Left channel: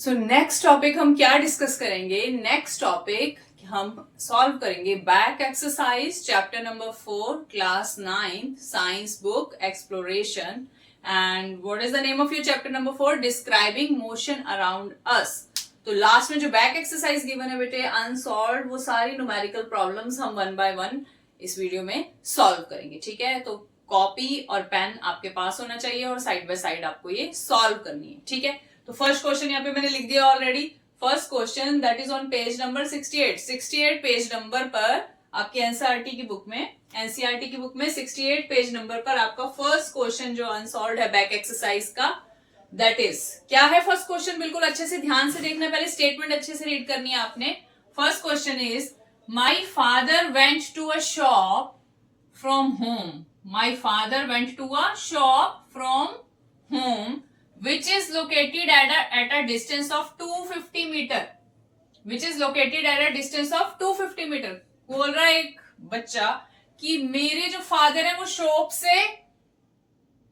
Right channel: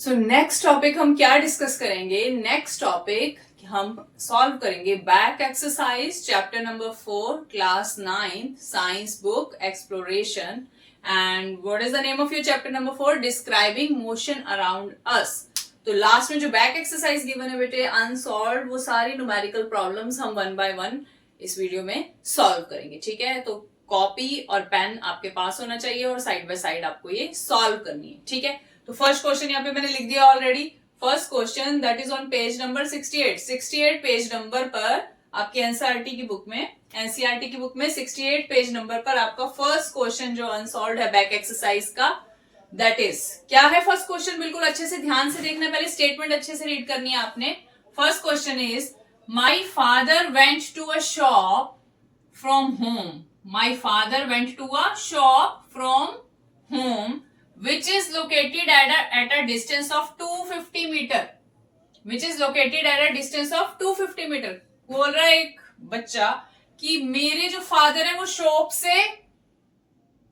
So next topic हम क्या discuss करेंगे? नेक्स्ट टॉपिक हम सॉल्व करेंगे back exercise chapter number 4 class 9 science book exploration. And what is the name of your chapter number 4? Describing motion around us. तो last में जो back exercise given है बेटे अनसॉल्व, वो सारी न्यूमेरिकल प्रॉब्लम्स हम वन बाय वन इस video में सॉल्व करेंगे। ठीक है, तो कॉपी और पेन आपके पास होना चाहिए और साइड बाय साइड आपको ये सॉल्व करनी है। ठीक है, तो फर्स्ट क्वेश्चन यहाँ पे मैंने लिख दिया already. First question that is on page number 68 page number पर आपके एनसीईआरटी की बुक में 68 पेज नंबर पर आपका फर्स्ट क्वेश्चन जो अनसॉल्व्ड है बैक एक्सरसाइज का, दैट इज क्या है फर्स्ट क्वेश्चन? बिल्कुल अच्छे से ध्यान से देखना, पहले स्टेटमेंट अच्छे से रीड करनी है आपने। First question is my father went to a shop from home. My father went to a shop from home which is located at a distance of 250 meter, which is located at a distance of 250 meter। बोल रहा है एक बच्चा कि मेरे जो father है वो शॉप से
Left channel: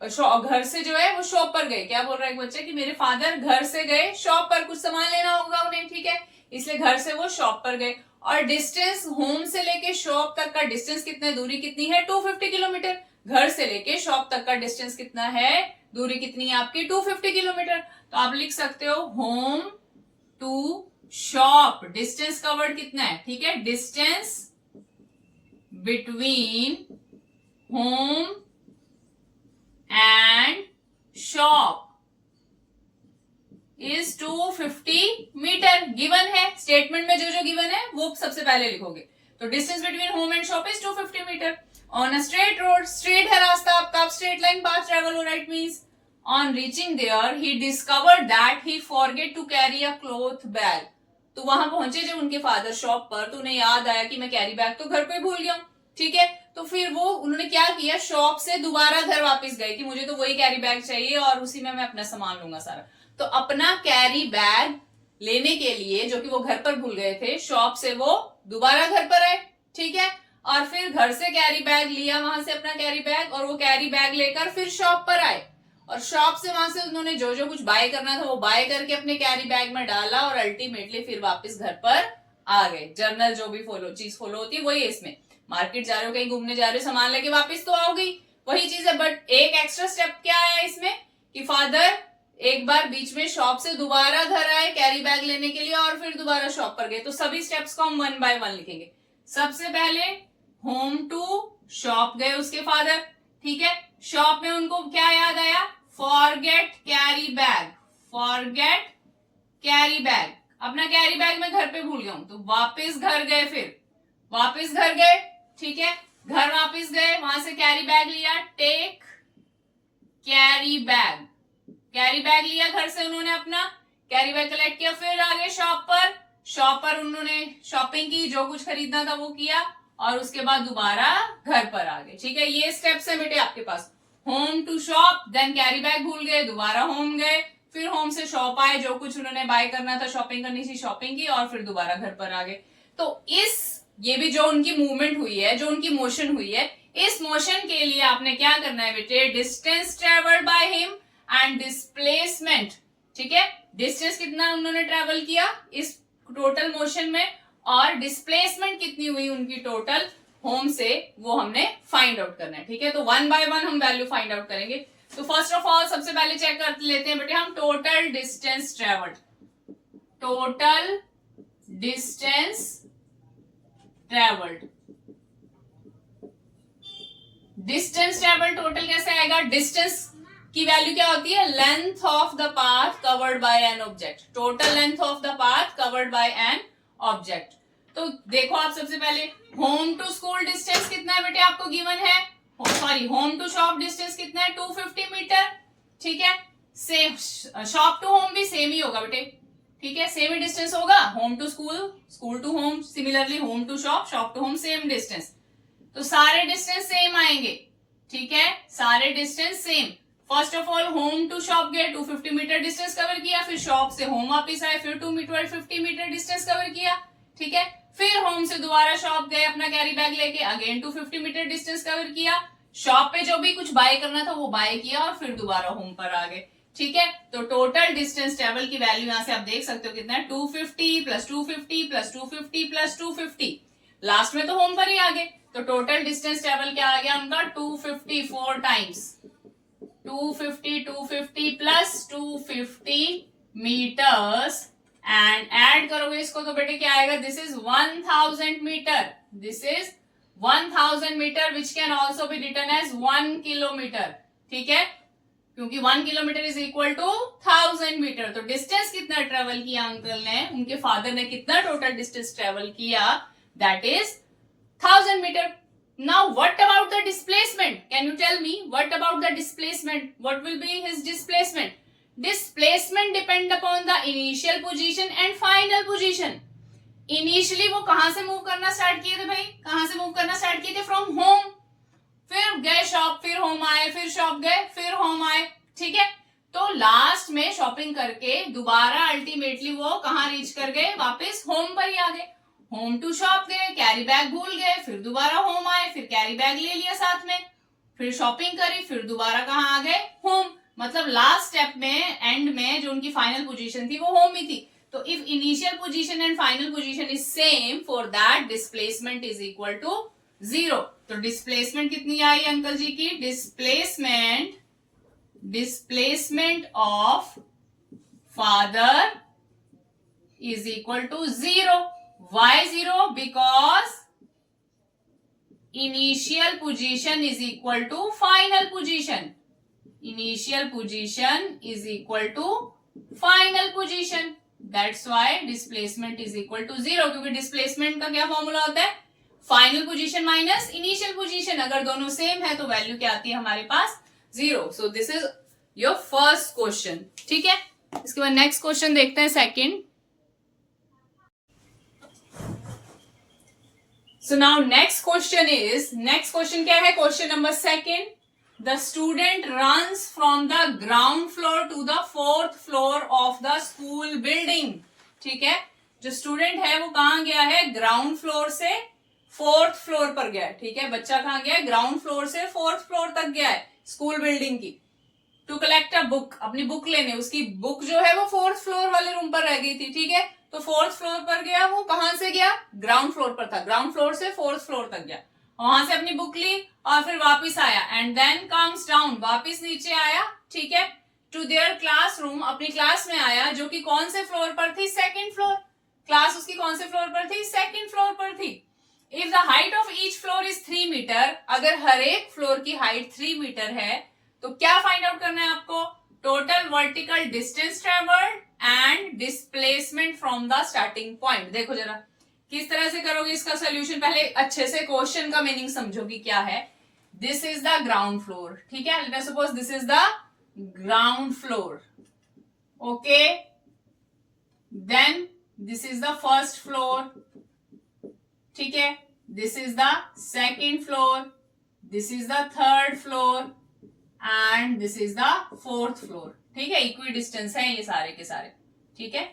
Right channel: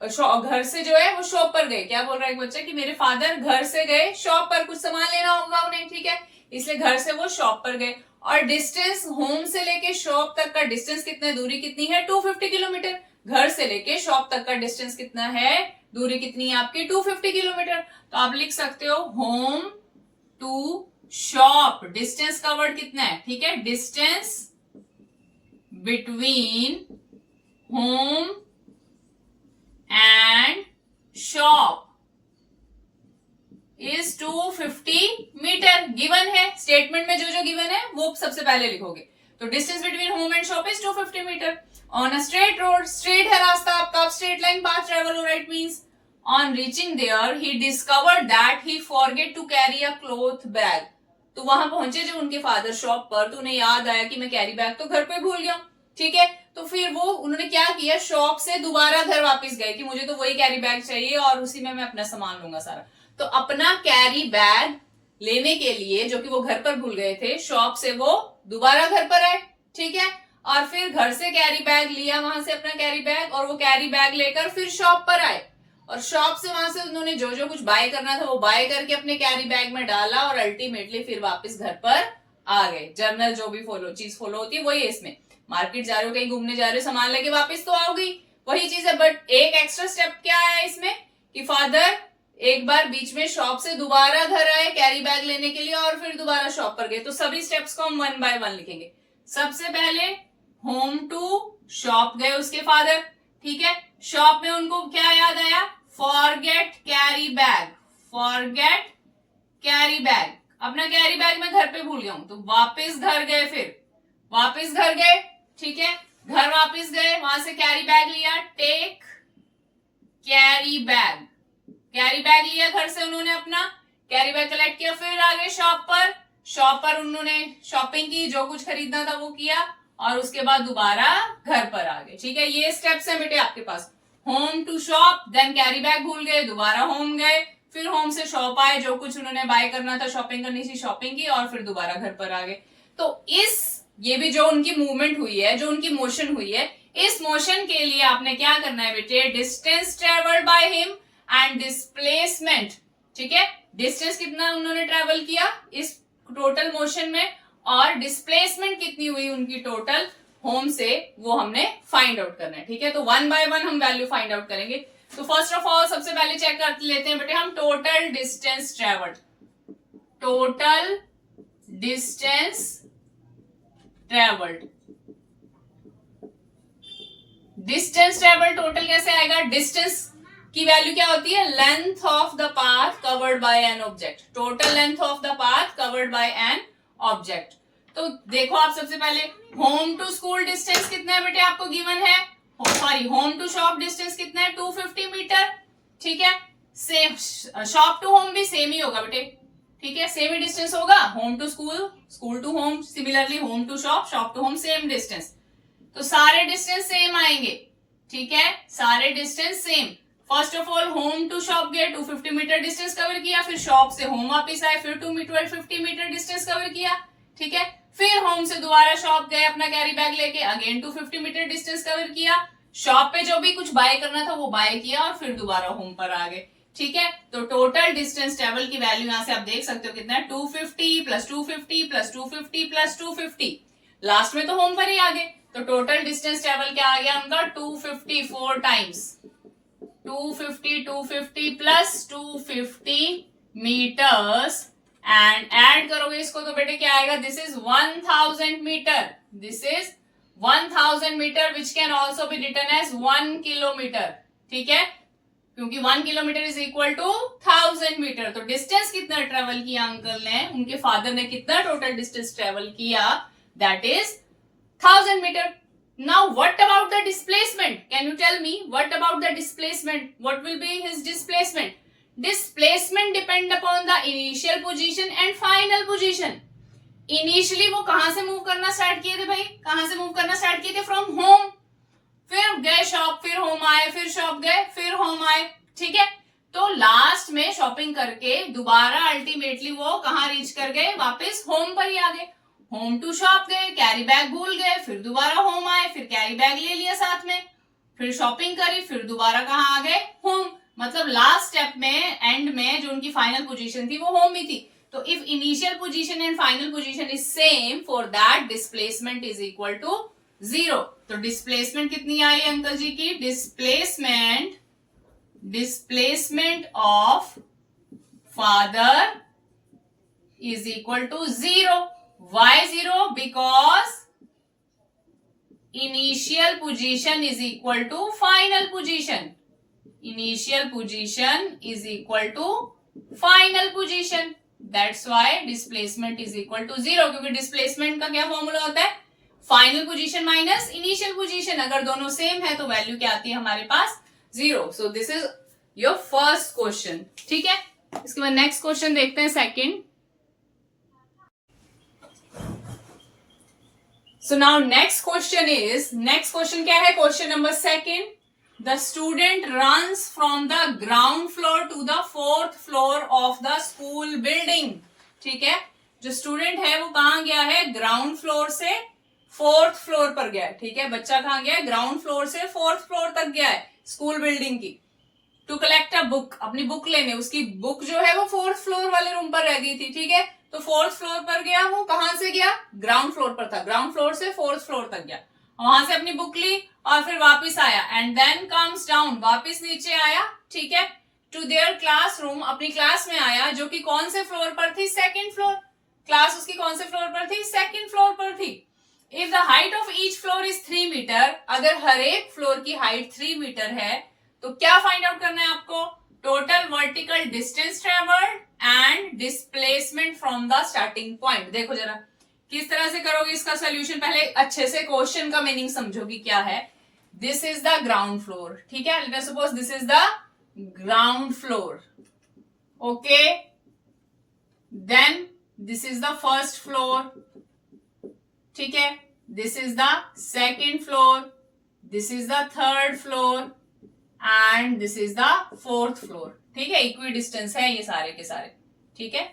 घर से जो है वो शॉप पर गए। क्या बोल रहा है एक बच्चा कि मेरे फादर घर से गए शॉप पर, कुछ सामान लेना होगा उन्हें, ठीक है, इसलिए घर से वो शॉप पर गए। और डिस्टेंस होम से लेके शॉप तक का डिस्टेंस कितना, दूरी कितनी है? 250 किलोमीटर। घर से लेके शॉप तक का डिस्टेंस कितना है, दूरी कितनी है आपकी? 250 किलोमीटर। तो आप लिख सकते हो होम टू शॉप, डिस्टेंस का वर्ड कितना है? ठीक है, distance between home and shop is 250 metre. Given है, स्टेटमेंट में जो जो गिवन है वो सबसे पहले लिखोगे। तो distance between home and shop is 250 metre. On a straight road, straight है रास्ता आपका, आप स्ट्रेट लाइन पास ट्रेवल हो रहा, it means on reaching there he discovered that he forget to carry a cloth bag. तो वहां पहुंचे जब उनके फादर शॉप पर, तो उन्हें याद आया कि मैं कैरी बैग तो घर पे भूल गया हूं। ठीक है, तो फिर वो उन्होंने क्या किया, शॉप से दोबारा घर वापस गए कि मुझे तो वही कैरी बैग चाहिए और उसी में मैं अपना सामान लूंगा सारा। तो अपना कैरी बैग लेने के लिए, जो कि वो घर पर भूल गए थे, शॉप से वो दोबारा घर पर आए। ठीक है, और फिर घर से कैरी बैग लिया, वहां से अपना कैरी बैग, और वो कैरी बैग लेकर फिर शॉप पर आए और शॉप से वहां से उन्होंने जो जो कुछ बाय करना था वो बाय करके अपने कैरी बैग में डाला और अल्टीमेटली फिर वापस घर पर आ गए। जर्नल जो भी चीज फॉलो होती है वही है इसमें। मार्केट जा रहे हो, कहीं घूमने जा रहे हो, सामान लेके वापस तो आओगी, वही चीज है। बट एक एक्स्ट्रा स्टेप क्या है इसमें कि फादर एक बार बीच में शॉप से दोबारा घर आए कैरी बैग लेने के लिए और फिर दोबारा शॉप पर गए। तो सभी स्टेप्स को हम वन बाय वन लिखेंगे। सबसे पहले होम टू शॉप गए उसके फादर। ठीक है, शॉप में उनको क्या याद आया? Forget carry bag, forget carry bag, अपना कैरी बैग मैं घर पे भूल गया हूं। तो वापस घर गए, फिर वापस घर गए। ठीक है, घर वापस गए, वहां से कैरी बैग लिया, take carry bag, carry bag लिया घर से उन्होंने, अपना कैरी बैग कलेक्ट किया, फिर आगे शॉप पर, शॉप पर उन्होंने शॉपिंग की, जो कुछ खरीदना था वो किया और उसके बाद दोबारा घर पर आ गए। ठीक है, ये स्टेप्स है बेटे आपके पास। Home to shop, then carry bag भूल गए, दोबारा होम गए, फिर होम से शॉप आए, जो कुछ उन्होंने बाय करना था, शॉपिंग करनी थी, शॉपिंग की और फिर दोबारा घर पर आ गए। तो ये भी जो उनकी मूवमेंट हुई है, जो उनकी मोशन हुई है, इस मोशन के लिए आपने क्या करना है बेटे? Distance travelled by him and displacement. ठीक है, डिस्टेंस कितना उन्होंने ट्रेवल किया इस टोटल मोशन में और डिस्प्लेसमेंट कितनी हुई उनकी टोटल होम से, वो हमने फाइंड आउट करना है। ठीक है, तो वन बाय वन हम वैल्यू फाइंड आउट करेंगे। तो फर्स्ट ऑफ ऑल सबसे पहले चेक कर लेते हैं बेटे हम total distance travelled. Total distance travelled, distance travel total कैसे आएगा? डिस्टेंस की वैल्यू क्या होती है? Length of the path covered by an object, total length of the path covered by an object. तो देखो आप सबसे पहले होम टू स्कूल डिस्टेंस कितना है बेटे आपको गिवन है, sorry home to shop distance कितना है? 250 मीटर। ठीक है, सेम शॉप टू होम भी सेम ही होगा बेटे। ठीक है, सेम ही डिस्टेंस होगा, home to school, school to home, similarly home to shop, shop to home, same distance. तो सारे डिस्टेंस सेम आएंगे। ठीक है, सारे distance same. First of all home to shop गए, 250 मीटर डिस्टेंस कवर किया, फिर शॉप से होम वापिस आए, फिर 250 मीटर डिस्टेंस कवर किया। ठीक है, फिर होम से दोबारा शॉप गए अपना कैरी बैग लेके, अगेन 250 मीटर डिस्टेंस कवर किया, शॉप पे जो भी कुछ बाय करना था वो बाय किया और फिर दोबारा होम पर आ गए। ठीक है, तो टोटल डिस्टेंस ट्रेवल की वैल्यू यहां से आप देख सकते हो कितना है, 250 प्लस 250 प्लस 250 प्लस 250, लास्ट में तो होम पर ही आ गए, तो टोटल डिस्टेंस ट्रेवल क्या आ गया उनका 254 times, 250 plus 250 metres, and add करोगे इसको तो बेटे क्या आएगा, this is 1000 metre, this is 1000 metre which can also be written as 1 kilometre, ठीक है, क्योंकि 1 kilometre is equal to 1000 metre. तो डिस्टेंस कितना ट्रेवल किया अंकल ने, उनके फादर ने कितना टोटल डिस्टेंस ट्रेवल किया, that is 1000 metre. Now what about the displacement, can you tell me what about the displacement, what will be his displacement? Displacement depend upon the initial position and final position. Initially वो कहां से move करना start किए थे भाई, कहां से move करना स्टार्ट किए थे, फ्रॉम होम, फिर गए शॉप, फिर होम आए, फिर शॉप गए, फिर होम आए, ठीक है, तो लास्ट में शॉपिंग करके दोबारा अल्टीमेटली वो कहां रीच कर गए, वापस होम पर ही आ गए, होम टू शॉप गए, कैरी बैग भूल गए, फिर दोबारा होम आए, फिर कैरी बैग ले लिया साथ में, फिर शॉपिंग करी, फिर दोबारा कहां आ गए, होम, मतलब लास्ट स्टेप में एंड में जो उनकी फाइनल पोजीशन थी वो होम ही थी। तो if initial position and final position is same, for that displacement is equal to 0। तो डिस्प्लेसमेंट कितनी आई अंकल जी की, displacement of father is equal to 0। Why 0? Because initial position is equal to final position, initial position is equal to final position, that's why displacement is equal to 0, क्योंकि displacement का क्या formula होता है, final position minus initial position, अगर दोनों same है तो value क्या आती है हमारे पास, 0। So this is your first question, ठीक है। इसके बाद नेक्स्ट क्वेश्चन देखते हैं, second. So now next question क्या है, question number second, the student runs from the ground floor to the 4th floor of the school building, ठीक है, जो स्टूडेंट है वो कहां गया है, ग्राउंड फ्लोर से 4th फ्लोर पर गया है, ठीक है, बच्चा कहां गया है, ग्राउंड फ्लोर से 4th फ्लोर तक गया है स्कूल बिल्डिंग की, टू कलेक्ट अ बुक, अपनी बुक लेने, उसकी बुक जो है वो 4th फ्लोर वाले रूम पर रह गई थी, ठीक है, तो 4th फ्लोर पर गया, वो कहां से गया, ग्राउंड फ्लोर पर था, ग्राउंड फ्लोर से 4th फ्लोर तक गया, वहां से अपनी बुक ली और फिर वापस आया, एंड देन कम्स डाउन, वापस नीचे आया, ठीक है, टू देयर क्लासरूम, अपनी क्लास में आया, जो कि कौन से फ्लोर पर थी, 2nd फ्लोर, क्लास उसकी कौन से फ्लोर पर थी, 2nd फ्लोर पर थी। If the height of each floor is 3 metre, अगर हर एक फ्लोर की हाइट 3 मीटर है, तो क्या फाइंड आउट करना है आपको, total vertical distance travelled and displacement from the starting point. देखो जरा किस तरह से करोगे इसका सोल्यूशन, पहले अच्छे से क्वेश्चन का मीनिंग समझोगी क्या है। This is the ground floor, ठीक है, let us suppose this is the ground floor, okay, then this is the first floor, ठीक है, this is the 2nd floor, this is the 3rd floor and this is the 4th floor, ठीक है, equidistance है ये सारे के सारे, ठीक है,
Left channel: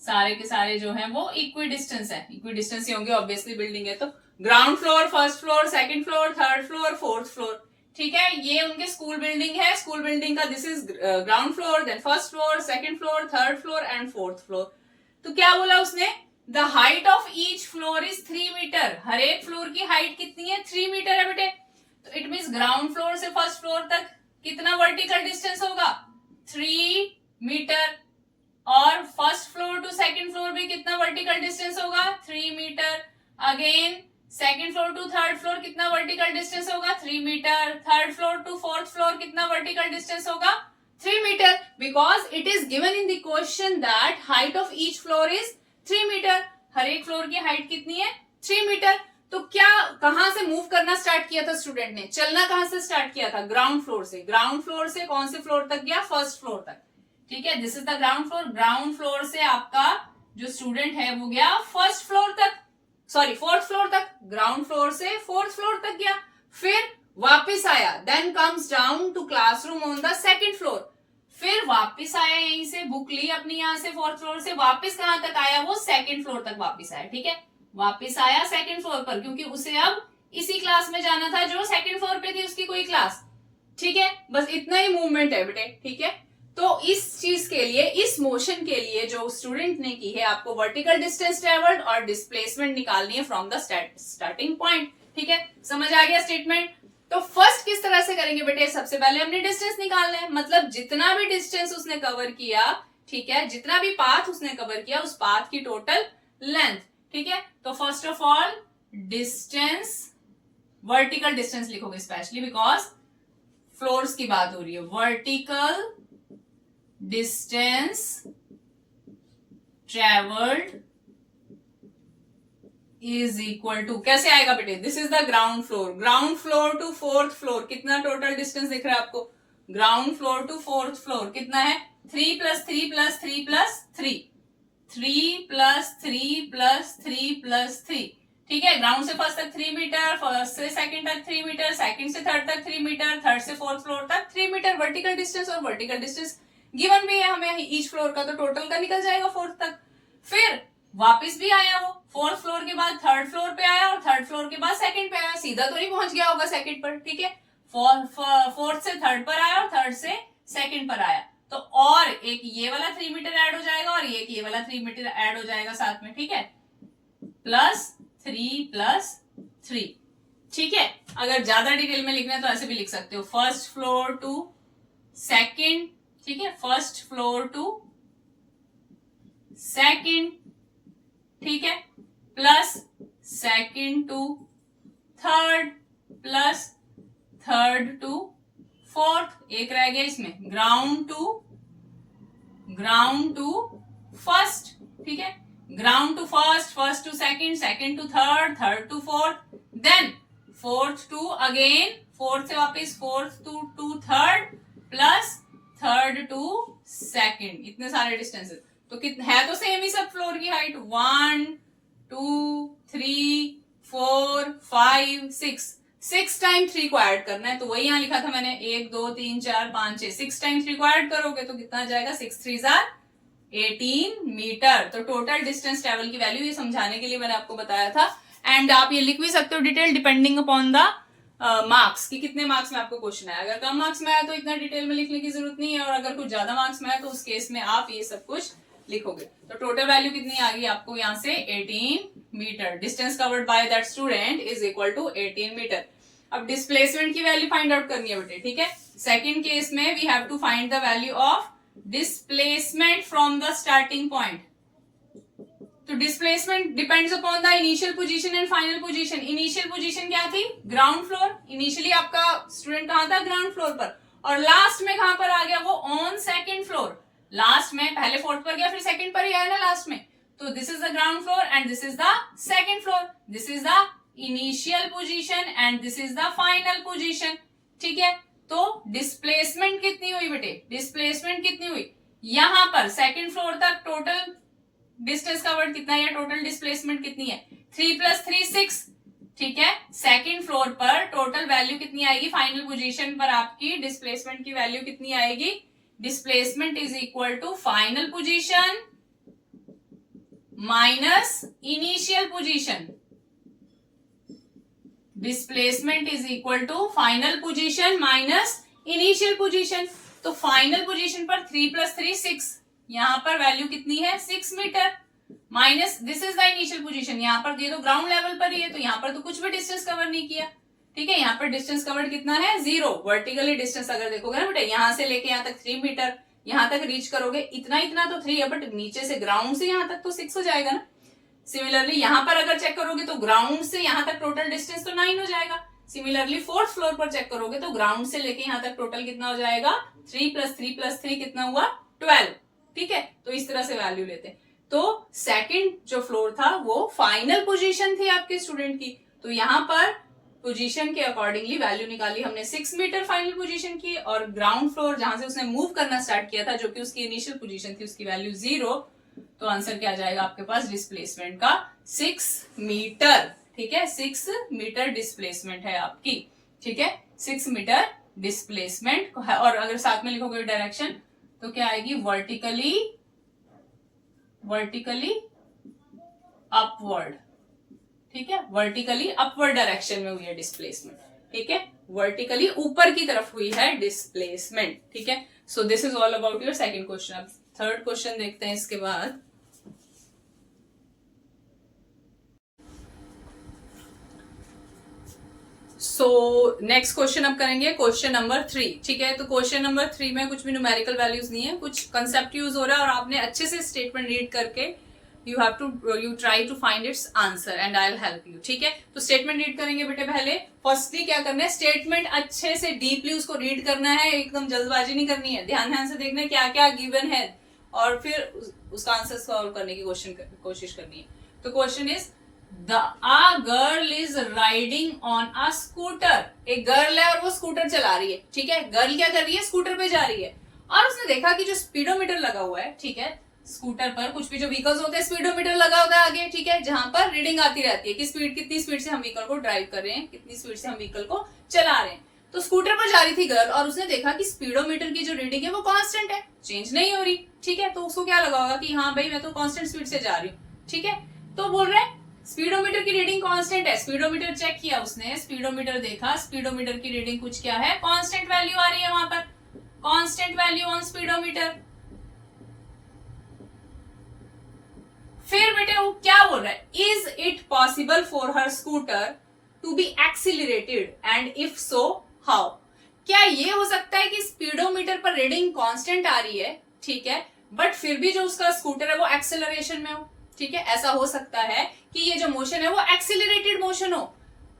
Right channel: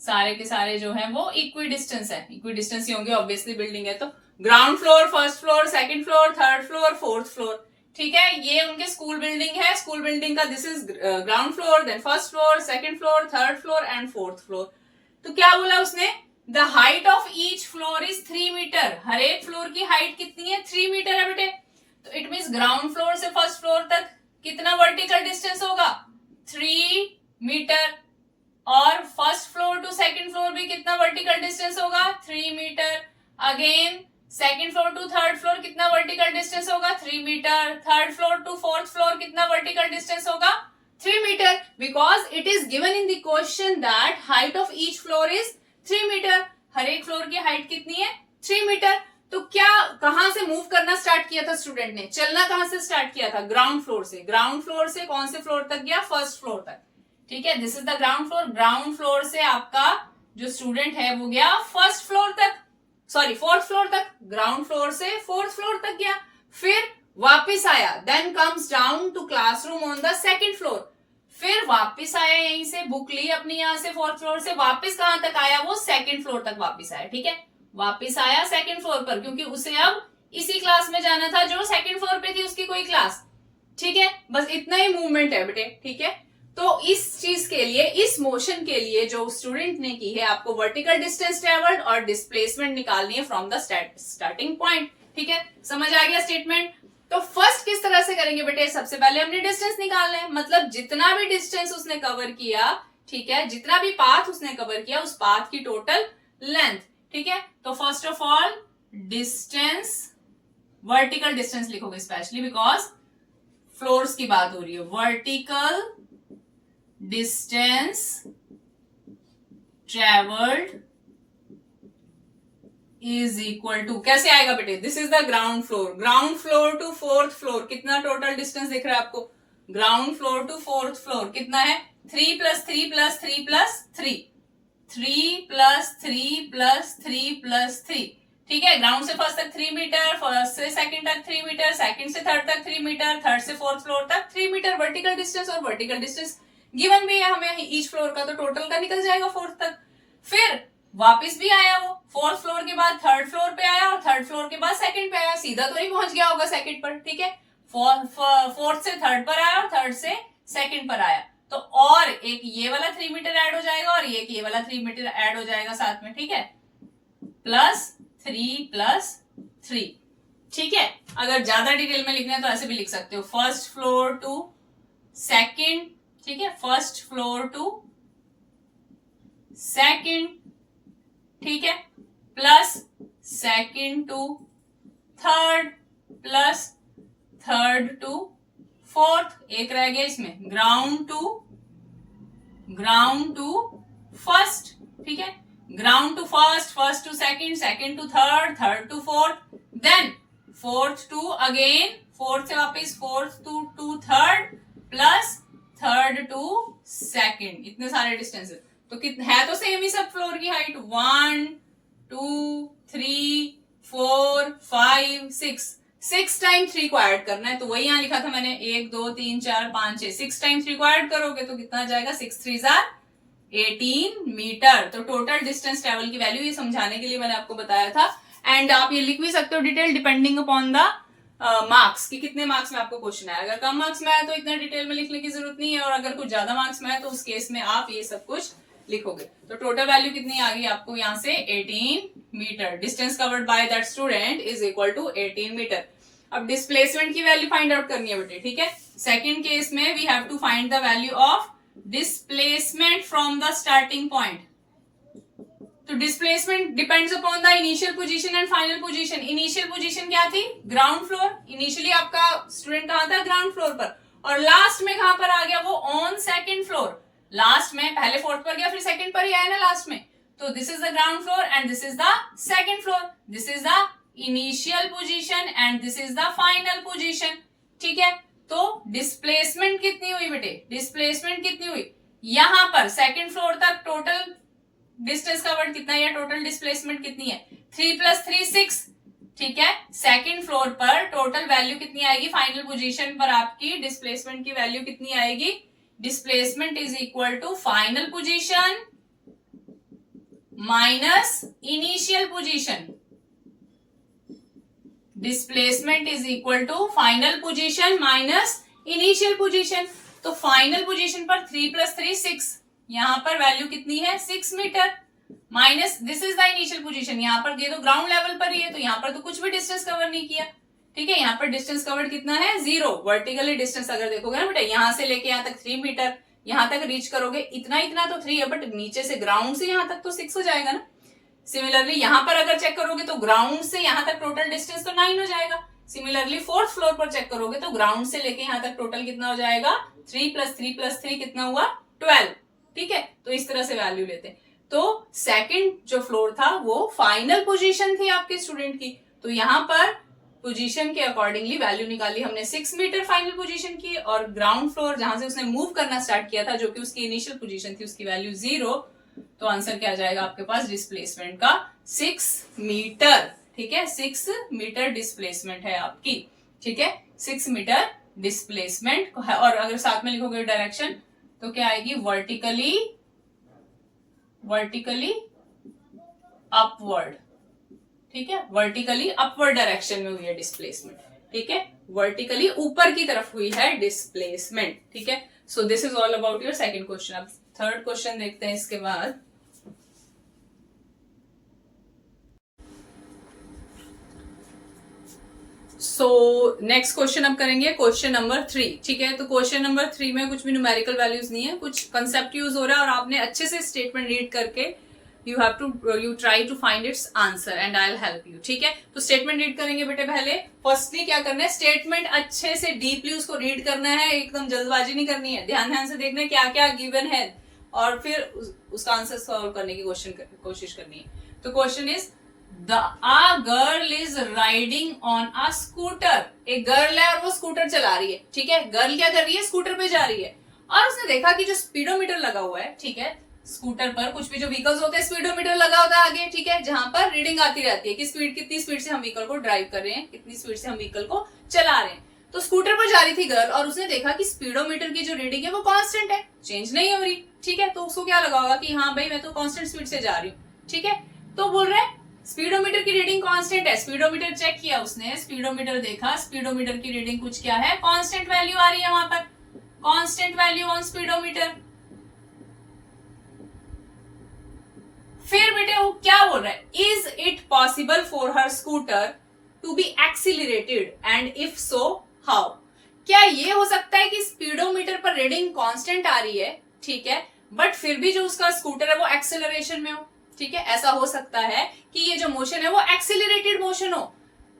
सारे के सारे जो है वो इक्वी डिस्टेंस है, इक्वी डिस्टेंस ही होंगे ऑब्वियसली, बिल्डिंग है तो ground floor, 1st floor, 2nd floor, 3rd floor, 4th floor, ठीक है, ये उनके स्कूल बिल्डिंग है, स्कूल बिल्डिंग का this is ground floor, then 1st floor, 2nd floor, 3rd floor and 4th floor. तो क्या बोला उसने, the height of each floor is 3 metre, हर एक फ्लोर की हाइट कितनी है, 3 मीटर है बेटे, तो इट मीन्स ग्राउंड फ्लोर से 1st फ्लोर तक कितना वर्टिकल डिस्टेंस होगा, 3 मीटर, और 1st floor to 2nd floor भी कितना वर्टिकल डिस्टेंस होगा, 3 metre, again 2nd floor to 3rd floor कितना वर्टिकल डिस्टेंस होगा, 3 metre, 3rd floor to 4th floor कितना वर्टिकल डिस्टेंस होगा, 3 metre, because it is given in the question that height of each floor is 3 metre, हर एक floor की height कितनी है, 3 metre. तो क्या कहां से मूव करना स्टार्ट किया था स्टूडेंट ने, चलना कहां से स्टार्ट किया था, ग्राउंड फ्लोर से, ग्राउंड फ्लोर से कौन से फ्लोर तक गया, 1st फ्लोर तक, ठीक है, this is the ground floor, ground floor से आपका जो स्टूडेंट है वो गया 1st फ्लोर तक, सॉरी 4th फ्लोर तक, ग्राउंड फ्लोर से 4th फ्लोर तक गया, फिर वापिस आया, then comes down to classroom on the 2nd floor, फिर वापिस आया, यहीं से बुक ली अपनी, यहां से 4th फ्लोर से वापिस कहां तक आया, वो 2nd फ्लोर तक वापिस आया, ठीक है, वापिस आया 2nd फ्लोर पर, क्योंकि उसे अब इसी क्लास में जाना था जो 2nd फ्लोर पे थी उसकी कोई क्लास, ठीक है, बस इतना ही मूवमेंट है बेटे, ठीक है, तो इस चीज के लिए, इस मोशन के लिए जो स्टूडेंट ने की है, आपको वर्टिकल डिस्टेंस ट्रेवल्ड और डिस्प्लेसमेंट निकालनी है फ्रॉम द स्टार्टिंग पॉइंट। ठीक है, समझ आ गया स्टेटमेंट। तो फर्स्ट किस तरह से करेंगे बेटे, सबसे पहले हमने डिस्टेंस निकालना है, मतलब जितना भी डिस्टेंस उसने कवर किया, ठीक है, जितना भी पाथ उसने कवर किया उस पाथ की टोटल लेंथ। ठीक है, तो first of all distance, vertical distance लिखोगे स्पेशली बिकॉज फ्लोर्स की बात हो रही है। Vertical distance travelled is equal to, कैसे आएगा बेटे, this is the ground floor, ground floor to fourth floor, कितना टोटल डिस्टेंस दिख रहा है आपको, ground floor to fourth floor कितना है, 3 + 3 + 3 + 3, 3 + 3 + 3 + 3। ठीक है, ग्राउंड से फर्स्ट तक 3 मीटर, फर्स्ट से सेकंड तक 3 मीटर, सेकंड से थर्ड तक 3 मीटर, थर्ड से फोर्थ फ्लोर तक 3 मीटर वर्टिकल डिस्टेंस, और वर्टिकल डिस्टेंस गिवन भी है हमें ईच फ्लोर का, तो टोटल का निकल जाएगा फोर्थ तक। फिर वापस भी आया वो, फोर्थ फ्लोर के बाद थर्ड फ्लोर पे आया और थर्ड फ्लोर के बाद सेकंड पे आया, सीधा तो नहीं पहुंच गया होगा सेकंड पर। ठीक है, फोर्थ से थर्ड पर आया और थर्ड से सेकंड पर आया, तो और एक ये वाला 3 मीटर ऐड हो जाएगा और ये वाला 3 मीटर ऐड हो जाएगा साथ में। ठीक है, +3 + 3। ठीक है, अगर ज्यादा डिटेल में लिखना है तो ऐसे भी लिख सकते हो, फर्स्ट फ्लोर टू सेकंड, ठीक है, फर्स्ट फ्लोर टू सेकंड, ठीक है, plus second to third, plus third to fourth, एक रह गया इसमें, ग्राउंड टू फर्स्ट। ठीक है, ground to first, first to second, second to third, third to fourth, then fourth to again, fourth से वापस fourth to third, plus third to second, इतने सारे डिस्टेंसेस। तो कितने है, तो सेम ही सब फ्लोर की हाइट, 1 2 3 4 5 6 टाइम 3 को ऐड करना है, तो वही यहां लिखा था मैंने, 1 2 3 4 5 6, 6 टाइम 3 को ऐड करोगे तो कितना जाएगा, 6 3 18 मीटर। तो टोटल डिस्टेंस ट्रेवल की वैल्यू, ये समझाने के लिए मैंने आपको बताया था। एंड आप ये लिख भी सकते हो detail depending upon the marks, कि कितने मार्क्स में आपको क्वेश्चन आया। अगर कम मार्क्स में आया तो इतना डिटेल में लिखने की जरूरत नहीं है, और अगर कुछ ज्यादा मार्क्स में आया तो उस केस में आप ये सब कुछ लिखोगे। तो टोटल वैल्यू कितनी आ गई आपको यहाँ से, 18 metre. Distance covered by that student is equal to 18 metre. अब डिस्प्लेसमेंट की वैल्यू फाइंड आउट करनी है बेटे। ठीक है, सेकेंड केस में we have to find the value of displacement from the starting point. तो displacement depends upon the initial position and final position. Initial position क्या थी, ग्राउंड फ्लोर। इनिशियली आपका स्टूडेंट कहां था, ग्राउंड फ्लोर पर, और last में कहां पर आ गया वो, ऑन सेकंड फ्लोर। लास्ट में पहले फोर्थ पर गया, फिर सेकंड पर ही आया ना लास्ट में। तो this is the ground floor and this is the second floor, this is the initial position and this is the final position. ठीक है, तो डिस्प्लेसमेंट कितनी हुई बेटे, डिस्प्लेसमेंट कितनी हुई, यहां पर सेकंड फ्लोर तक टोटल डिस्टेंस कवर्ड कितना है, टोटल डिस्प्लेसमेंट कितनी है, 3 + 3 6। ठीक है, सेकंड फ्लोर पर टोटल वैल्यू कितनी आएगी, फाइनल पोजीशन पर आपकी डिस्प्लेसमेंट की वैल्यू कितनी आएगी, displacement is equal to final position minus initial position. Displacement is equal to final position minus initial position. तो फाइनल पोजीशन पर 3 + 3 6, यहां पर वैल्यू कितनी है, 6 metre, minus this is the initial position. यहां पर ये तो ग्राउंड लेवल पर ही है, तो यहां पर तो कुछ भी डिस्टेंस कवर नहीं किया। ठीक है, यहाँ पर डिस्टेंस कवर्ड कितना है, 0। वर्टिकली डिस्टेंस अगर देखोगे ना बेटा, यहां से लेके यहाँ तक 3 मीटर, यहां तक रीच करोगे इतना तो 3 है, बट नीचे से ग्राउंड से यहाँ तक तो 6 हो जाएगा ना। सिमिलरली यहाँ पर अगर चेक करोगे तो ग्राउंड से यहाँ तक टोटल डिस्टेंस तो 9 हो जाएगा। सिमिलरली फोर्थ फ्लोर पर चेक करोगे तो ग्राउंड से लेके यहाँ तक टोटल कितना हो जाएगा, 3 + 3 + 3 कितना हुआ, 12। ठीक है, तो इस तरह से वैल्यू लेते हैं। तो सेकंड जो फ्लोर था वो फाइनल पोजीशन थी आपके स्टूडेंट की, तो यहाँ पर पोजीशन के अकॉर्डिंगली वैल्यू निकाली हमने 6 मीटर फाइनल पोजीशन की, और ग्राउंड फ्लोर जहां से उसने मूव करना स्टार्ट किया था जो कि उसकी इनिशियल पोजीशन थी, उसकी वैल्यू 0। तो आंसर क्या जाएगा आपके पास, डिस्प्लेसमेंट का 6 मीटर। ठीक है, 6 मीटर डिस्प्लेसमेंट है आपकी। ठीक है, 6 मीटर डिस्प्लेसमेंट। और अगर साथ में लिखोगे डायरेक्शन तो क्या आएगी, वर्टिकली अपवर्ड। ठीक है, वर्टिकली अपवर्ड डायरेक्शन में हुई है डिस्प्लेसमेंट। ठीक है, वर्टिकली ऊपर की तरफ हुई है डिस्प्लेसमेंट। ठीक है, सो this is all about your second question. अब थर्ड क्वेश्चन देखते हैं इसके बाद. सो नेक्स्ट क्वेश्चन अब करेंगे क्वेश्चन नंबर 3. ठीक है, तो क्वेश्चन नंबर 3 में कुछ भी न्यूमेरिकल वैल्यूज नहीं है, कुछ कंसेप्ट यूज हो रहा है और आपने अच्छे से स्टेटमेंट रीड करके you try to find its answer and I will help you. ठीक है, तो स्टेटमेंट रीड करेंगे बेटे. पहले फर्स्टली क्या करना है, स्टेटमेंट अच्छे से डीपली उसको रीड करना है, एकदम जल्दबाजी नहीं करनी है, ध्यान से देखना है क्या क्या गिवन है और फिर उसका आंसर सॉल्व करने की कोशिश करनी है. तो question is a girl is riding on a scooter. एक गर्ल है और वो स्कूटर चला रही है. ठीक है, गर्ल क्या कर रही है, स्कूटर पे जा रही है और उसने देखा कि जो स्पीडोमीटर लगा हुआ है, ठीक है, स्कूटर पर कुछ भी जो व्हीकल्स होते हैं स्पीडोमीटर लगा होता है आगे. ठीक है, जहां पर रीडिंग आती रहती है कि स्पीड, कितनी स्पीड से हम व्हीकल को ड्राइव कर रहे हैं, कितनी स्पीड से हम व्हीकल को चला रहे हैं. तो स्कूटर पर जा रही थी गर्ल और उसने देखा कि स्पीडोमीटर की जो रीडिंग है वो कांस्टेंट है, चेंज नहीं हो रही. ठीक है, तो उसको क्या लगा होगा कि हाँ भाई मैं तो कांस्टेंट स्पीड से जा रही हूँ. ठीक है, तो बोल रहे हैं स्पीडोमीटर की रीडिंग कांस्टेंट है. स्पीडोमीटर चेक किया उसने, स्पीडोमीटर देखा, स्पीडोमीटर की रीडिंग कुछ क्या है, कांस्टेंट वैल्यू आ रही है वहां पर, कांस्टेंट वैल्यू ऑन स्पीडोमीटर. फिर बेटे वो क्या बोल रहा है, is it possible for her scooter to be accelerated and if so how. क्या ये हो सकता है कि स्पीडोमीटर पर रीडिंग कांस्टेंट आ रही है, ठीक है, बट फिर भी जो उसका स्कूटर है वो एक्सेलरेशन में हो. ठीक है, ऐसा हो सकता है कि ये जो मोशन है वो एक्सीलरेटेड मोशन हो.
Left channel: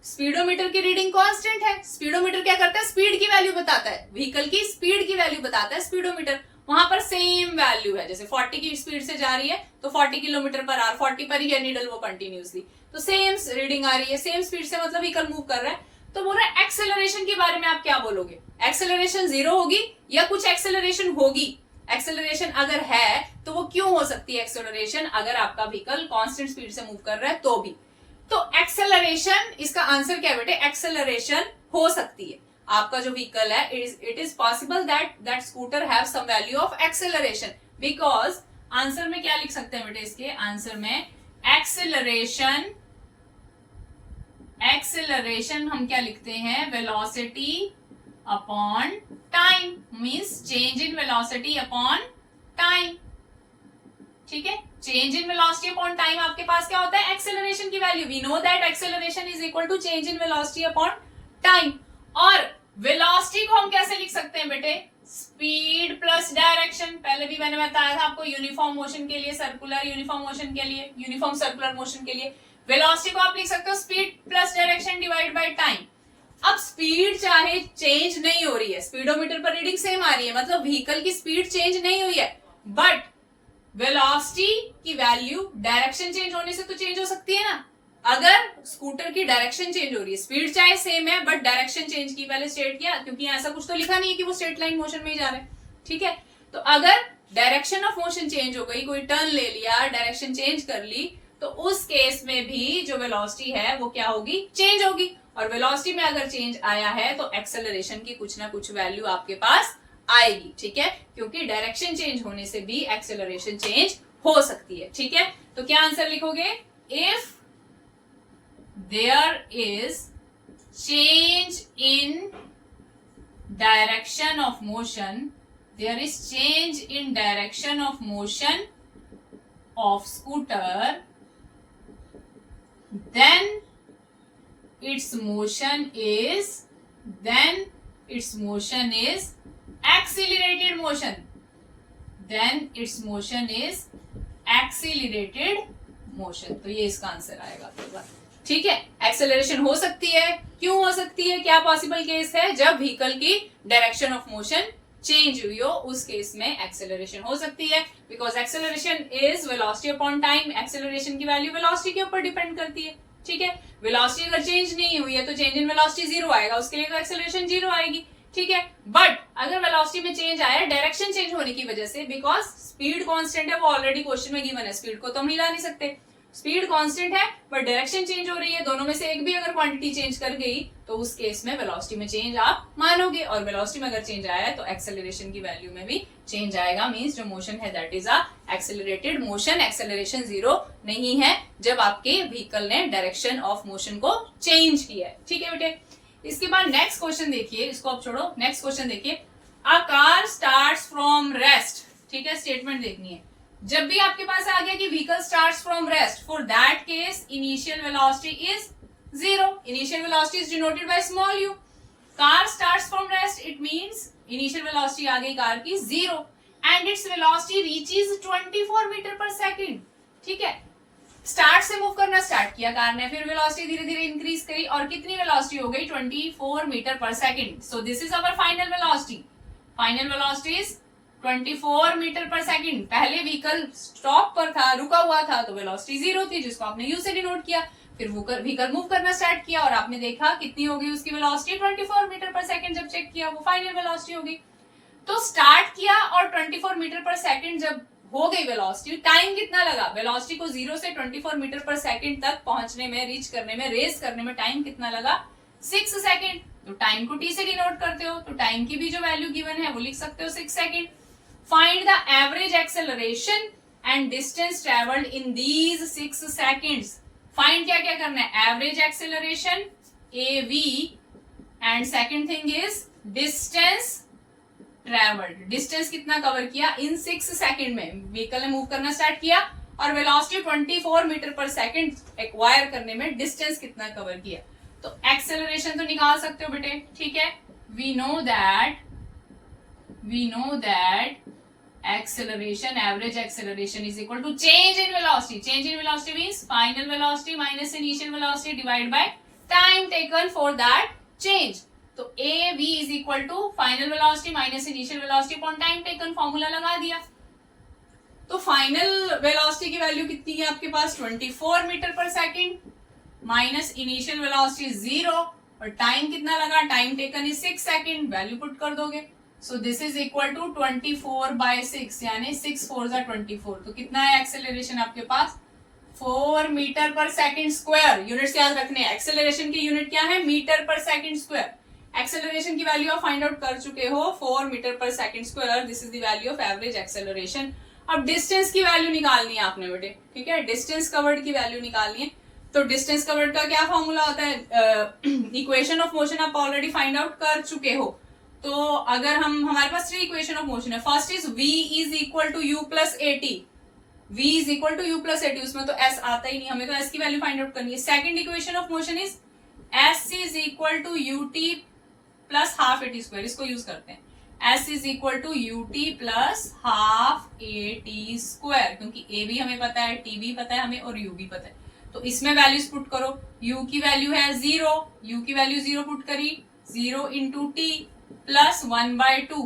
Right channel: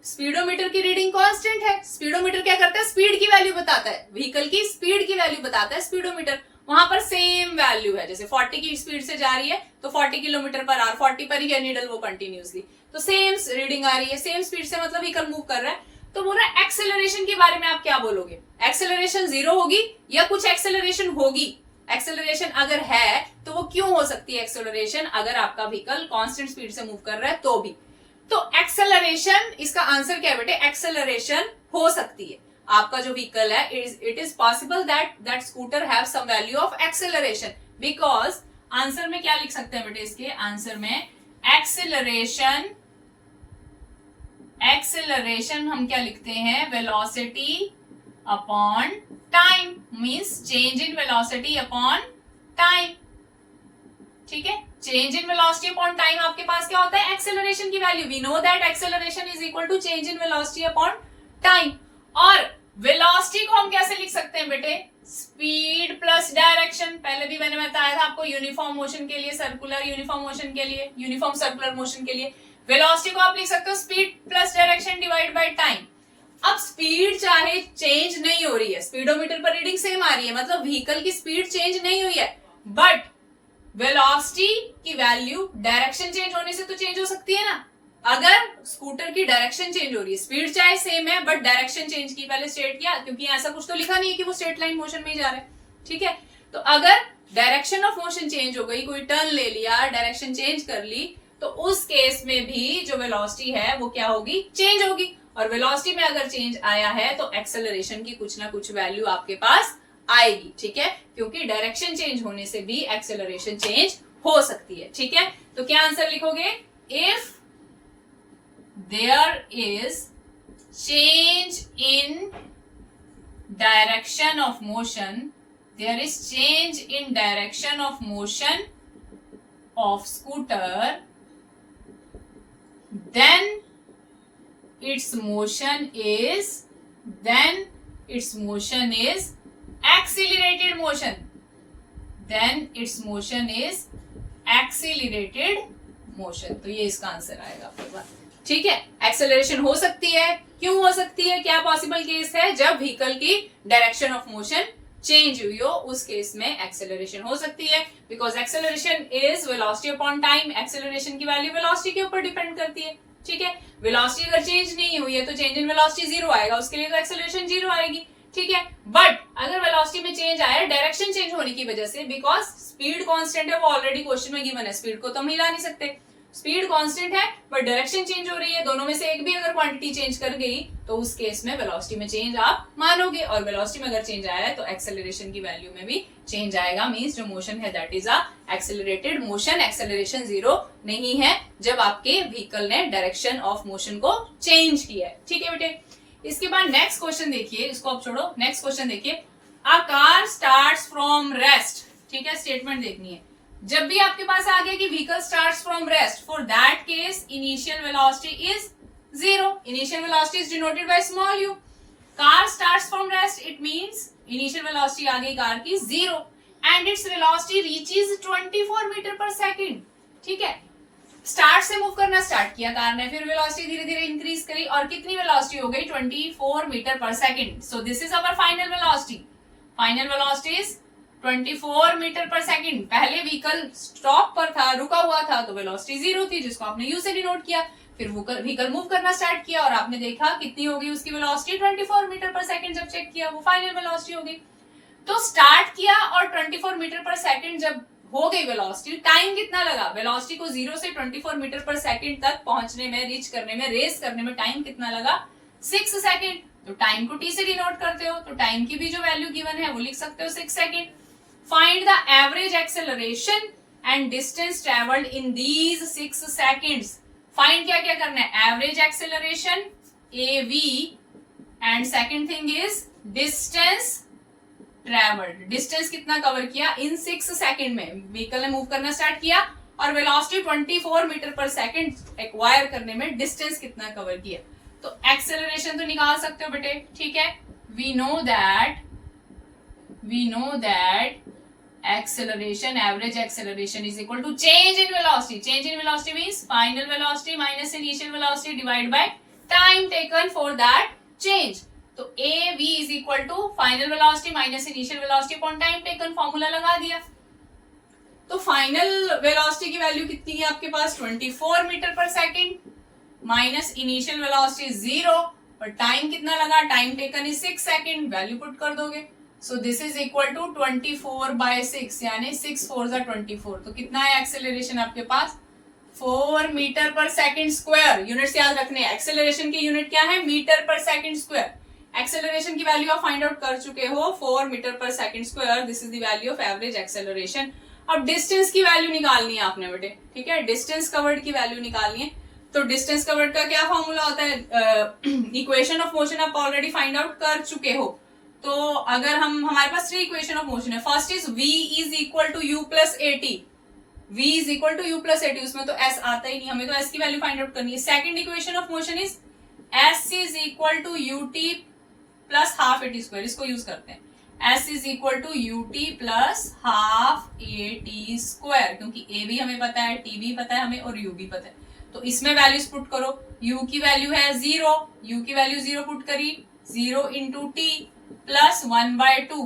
स्पीडोमीटर की रीडिंग कांस्टेंट है. स्पीडोमीटर क्या करता है, स्पीड की वैल्यू बताता है, व्हीकल की स्पीड की वैल्यू बताता है स्पीडोमीटर. वहां पर सेम वैल्यू है, जैसे 40 की स्पीड से जा रही है तो 40 किलोमीटर पर आवर, 40 पर ही है नीडल वो कंटिन्यूसली, तो सेम रीडिंग आ रही है, सेम स्पीड से मतलब व्हीकल मूव कर रहा है. तो बोल रहा है एक्सेलरेशन के बारे में आप क्या बोलोगे, एक्सेलरेशन 0 होगी या कुछ एक्सेलरेशन होगी. एक्सेलरेशन अगर है तो वो क्यों हो सकती है एक्सेलरेशन, अगर आपका व्हीकल कांस्टेंट स्पीड से मूव कर रहा है तो भी. तो एक्सेलरेशन, इसका आंसर क्या है बेटे, एक्सेलरेशन हो सकती है. आपका जो व्हीकल है, it is possible that scooter have some value of acceleration, because answer में क्या लिख सकते हैं बेटे, इसके आंसर में एक्सेलरेशन हम क्या लिखते हैं, velocity upon time, means change in velocity upon time. ठीक है, change in velocity upon time आपके पास क्या होता है, एक्सेलरेशन की वैल्यू. We know that acceleration is equal to change in velocity upon time. और वेलोसिटी को हम कैसे लिख सकते हैं बेटे, स्पीड प्लस डायरेक्शन. पहले भी मैंने बताया था आपको, यूनिफॉर्म मोशन के लिए, सर्कुलर यूनिफॉर्म मोशन के लिए, यूनिफॉर्म सर्कुलर मोशन के लिए वेलोसिटी को आप लिख सकते हो speed plus direction divide by time. अब स्पीड चाहे चेंज नहीं हो रही है, स्पीडोमीटर पर रीडिंग सेम आ रही है, मतलब व्हीकल की स्पीड चेंज नहीं हुई है, बट वेलोसिटी की वैल्यू डायरेक्शन चेंज होने से तो चेंज हो सकती है ना. अगर स्कूटर की डायरेक्शन चेंज हो रही है, स्पीड चाहे सेम है बट डायरेक्शन चेंज की, पहले स्टेट किया, क्योंकि ऐसा कुछ तो लिखा नहीं है कि वो स्ट्रेट लाइन मोशन में ही जा रहा है. ठीक है, तो अगर डायरेक्शन ऑफ मोशन चेंज हो गई, कोई टर्न ले लिया, डायरेक्शन चेंज कर ली, तो उस केस में भी जो वेलोसिटी है वो क्या होगी, चेंज होगी. और वेलोसिटी में अगर चेंज आया है तो एक्सेलरेशन की कुछ ना कुछ वैल्यू आपके पास आएगी. ठीक है, क्योंकि डायरेक्शन चेंज होने से भी एक्सेलरेशन चेंज हो सकती है. ठीक है, तो क्या आंसर लिखोगे, if there is change in direction of motion, there is change in direction of motion of scooter, then its motion is accelerated motion. Then its motion is accelerated motion. तो ये इसका आंसर आएगा आपके पास. ठीक है, acceleration हो सकती है, क्यों हो सकती है, क्या पॉसिबल केस है, जब व्हीकल की डायरेक्शन ऑफ मोशन चेंज हुई हो, उस केस में एक्सेलरेशन हो सकती है, because acceleration is velocity upon time. Acceleration की वैल्यू वेलोसिटी के ऊपर डिपेंड करती है. ठीक है, वेलोसिटी अगर चेंज नहीं हुई है तो चेंज इन वेलोसिटी 0 आएगा, उसके लिए तो एक्सेलरेशन 0 आएगी. ठीक है, बट अगर वेलोसिटी में चेंज आया डायरेक्शन चेंज होने की वजह से, बिकॉज स्पीड कांस्टेंट है, वो ऑलरेडी क्वेश्चन में गिवन है, स्पीड को तो हम हिला नहीं सकते, स्पीड कांस्टेंट है बट डायरेक्शन चेंज हो रही है, दोनों में से एक भी अगर क्वांटिटी चेंज कर गई तो उस केस में वेलोसिटी में चेंज आप मानोगे, और वेलोसिटी में अगर चेंज आया है तो एक्सेलरेशन की वैल्यू में भी चेंज आएगा. मींस जो मोशन है that is a accelerated motion. Acceleration 0 नहीं है जब आपके व्हीकल ने डायरेक्शन ऑफ मोशन को चेंज किया है. ठीक है बेटे, इसके बाद नेक्स्ट क्वेश्चन देखिए, इसको आप छोड़ो, नेक्स्ट क्वेश्चन देखिए. अ कार स्टार्ट्स ठीक है, स्टेटमेंट देखनी है। जब भी आपके पास आ गया कि vehicle starts from rest, for that case initial velocity is 0। Initial velocity is denoted by small u. Car starts from rest, it means initial velocity आ गई कार की 0 and its velocity reaches 24 metre per second. ठीक है, start से move करना start किया car ने, फिर वेलोसिटी धीरे धीरे इंक्रीज करी और कितनी वेलोसिटी हो गई 24 metre per second. So this is our final velocity. Final velocity is 24 metre per second. पहले व्हीकल स्टॉप पर था, रुका हुआ था, तो वेलोसिटी 0 थी जिसको आपने यू से डिनोट किया। फिर व्हीकल मूव करना स्टार्ट किया और आपने देखा कितनी हो गई उसकी वेलोसिटी 24 मीटर पर सेकंड। जब चेक किया वो फाइनल वेलोसिटी हो गई। तो स्टार्ट किया और 24 मीटर पर सेकंड जब हो गई वेलोसिटी, टाइम कितना लगा? वेलोसिटी को 0 से 24 मीटर पर सेकंड तक पहुंचने में, रीच करने में, रेस करने में टाइम कितना लगा? 6 सेकंड। तो टाइम को टी से डिनोट करते हो तो टाइम की भी जो वैल्यू गिवन है वो लिख सकते हो 6 second. Find the average acceleration and distance travelled in these 6 seconds. Find क्या क्या करना है? Average acceleration AV and second thing is distance travelled. Distance कितना कवर किया इन 6 सेकंड में? व्हीकल ने मूव करना स्टार्ट किया और velocity 24 metre per second acquire करने में डिस्टेंस कितना कवर किया। तो एक्सेलरेशन तो निकाल सकते हो बेटे, ठीक है। We know that acceleration, average acceleration is equal to change in velocity. Change in velocity means final velocity minus initial velocity divided by time taken for that change. तो AV is equal to final velocity minus initial velocity upon time taken, formula लगा दिया। तो final velocity की value कितनी है आपके पास? 24 metre per second minus initial velocity 0 और टाइम कितना लगा? Time taken is 6 second. Value put कर दोगे। So this is equal to 24/6 यानी 6 4 जा 24। तो कितना है एक्सेलरेशन आपके पास? 4 metre per second square. Units याद रखने हैं, एक्सेलरेशन की यूनिट क्या है? Metre per second square. Acceleration की वैल्यू आप फाइंड आउट कर चुके हो 4 metre per second square. This is the value of average acceleration. अब डिस्टेंस की वैल्यू निकालनी है आपने बेटे, ठीक है। डिस्टेंस कवर्ड की वैल्यू निकालनी है। तो डिस्टेंस कवर्ड का क्या फॉर्मूला होता है? इक्वेशन ऑफ मोशन आप ऑलरेडी फाइंड आउट कर चुके हो। तो अगर हमारे पास 3 इक्वेशन ऑफ मोशन है। First is v is equal to u plus AT। v is equal to u plus AT, उसमें तो s आता ही नहीं, हमें तो s की वैल्यू फाइंड आउट करनी है। Second equation of motion is s is equal to ut plus half AT square. इसको यूज करते हैं। s is equal to ut plus half AT square, क्योंकि a भी हमें पता है, t भी पता है हमें और u भी पता है। तो इसमें वैल्यूज पुट करो। u की वैल्यू है 0, u की वैल्यू 0 पुट करी, 0 into T plus 1/2।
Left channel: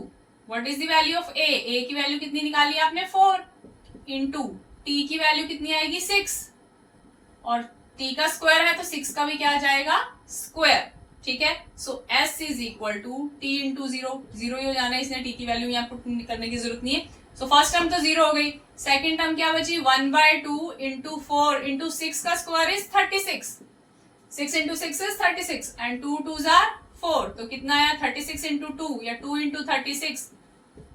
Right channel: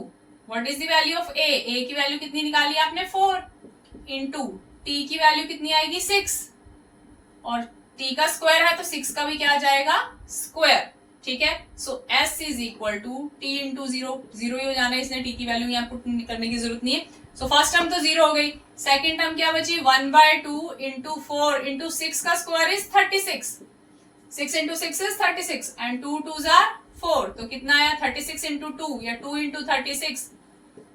What is the value of a? a की वैल्यू कितनी निकाली आपने? 4 इंटू टी की वैल्यू कितनी आएगी? 6 और t का स्क्वायर है तो 6 का भी क्या आ जाएगा? स्क्वायर, ठीक है। So s is equal to t into 0। 0 ही हो जाना है, इसने t की वैल्यू यहाँ पुट करने की जरूरत नहीं है। सो फर्स्ट टर्म तो 0 हो गई। सेकेंड टर्म क्या बची? 1/2 इंटू 4 इंटू 6 का square is 36। 6 into 6 is 36 and 2 2s are 4। तो कितना आया? 36 इंटू 2 या 2 into 36।